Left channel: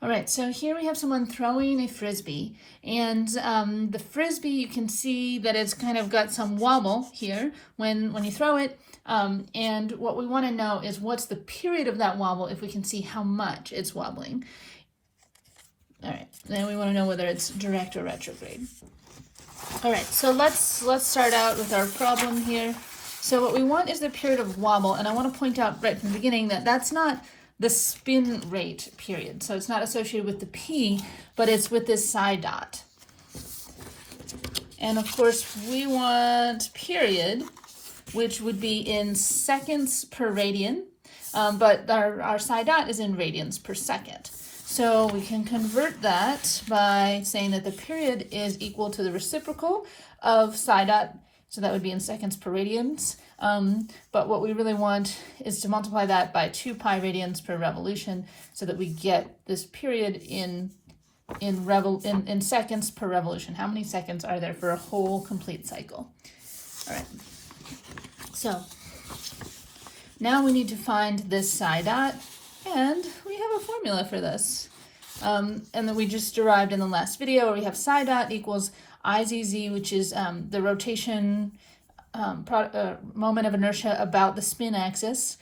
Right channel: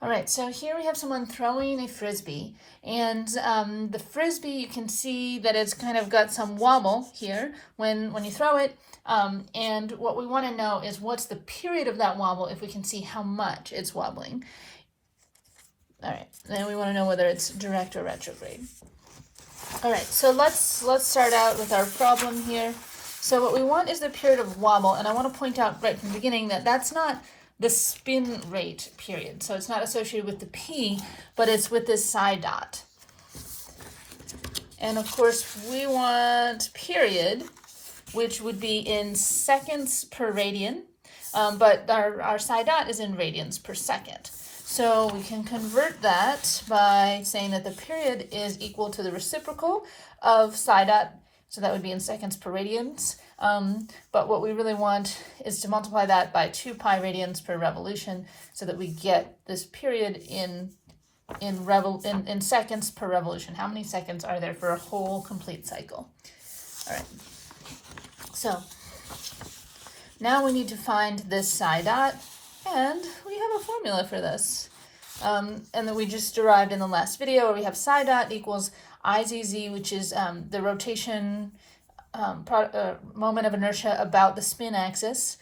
All right, so here we have someone throwing a frisbee, and the frisbee, you can see that it's kind of got some wobble here when you throw it, and what we want to know is what's the period of that wobble if we can see how much it's wobbling. All right, then we want to know whether it's direct or retrograde. All right, so let's start out with our problem here. So what we want is the period of wobble, and I want to point out right from the beginning that that's not the spin rate period. So it's not associated with the P, but it's with this psi dot. And of course, we want period, which would be in seconds per radian, but our psi dot is in radians per second. So we can convert that by saying that the period is equal to the reciprocal of psi dot, so that would be in seconds per radians. But what we really want is to multiply that by 2 pi radians per revolution so that we get this period in seconds per revolution. How many seconds are there for a whole complete cycle? All right. So now we need to find this psi dot, and we have a formula for this. And that we just derived in the last video, where we have psi dot equals IZZ, which is the rotation moment of inertia about the spin axis,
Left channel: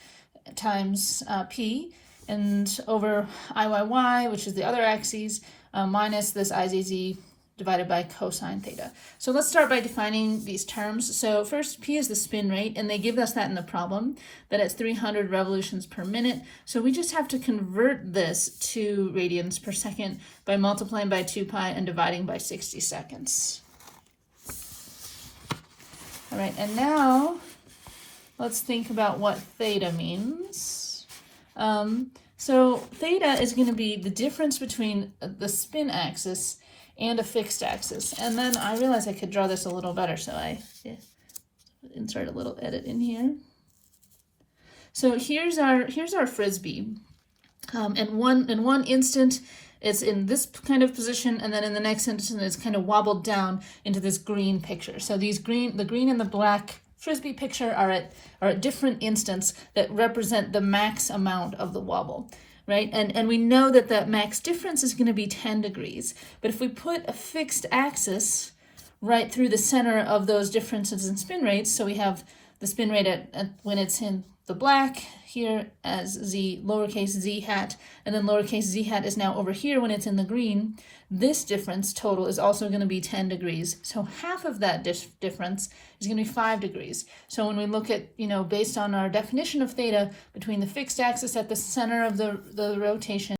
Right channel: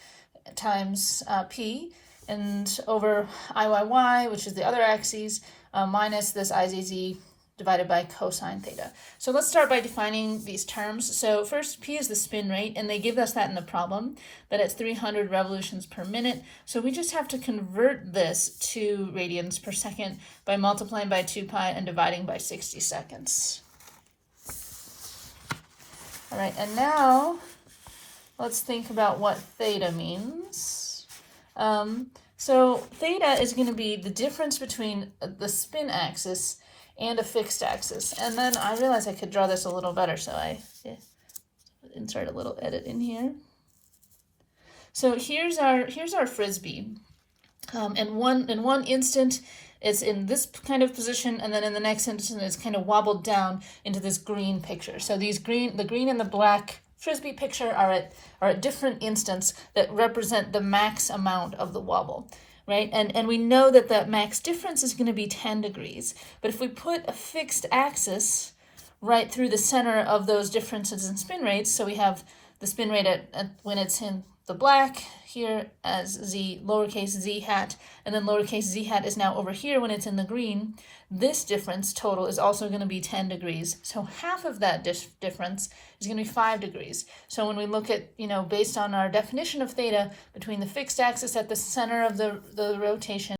times P, and over IYY, which is the other axes, minus this IZZ divided by cosine theta. So let's start by defining these terms. So first, P is the spin rate, and they give us that in the problem, that it's 300 revolutions per minute. So we just have to convert this to radians per second by multiplying by 2 pi and dividing by 60 seconds. All right, and now let's think about what theta means. So theta is going to be the difference between the spin axis and a fixed axis. And then I realized I could draw this a little better, so I insert a little edit in here. So here's our frisbee. In one instant, it's in this kind of position, and then in the next instant, it's kind of wobbled down into this green picture. So the green and the black frisbee picture are at different instants that represent the max amount of the wobble, right? And we know that the max difference is going to be 10 degrees. But if we put a fixed axis right through the center of those differences in spin rates, so we have the spin rate at when it's in the black here as z, lowercase z hat, and then lowercase z hat is now over here when it's in the green, this difference total is also going to be 10 degrees. So half of that difference is going to be 5 degrees. So when we look at, based on our definition of theta, between the fixed axis at the center of the rotation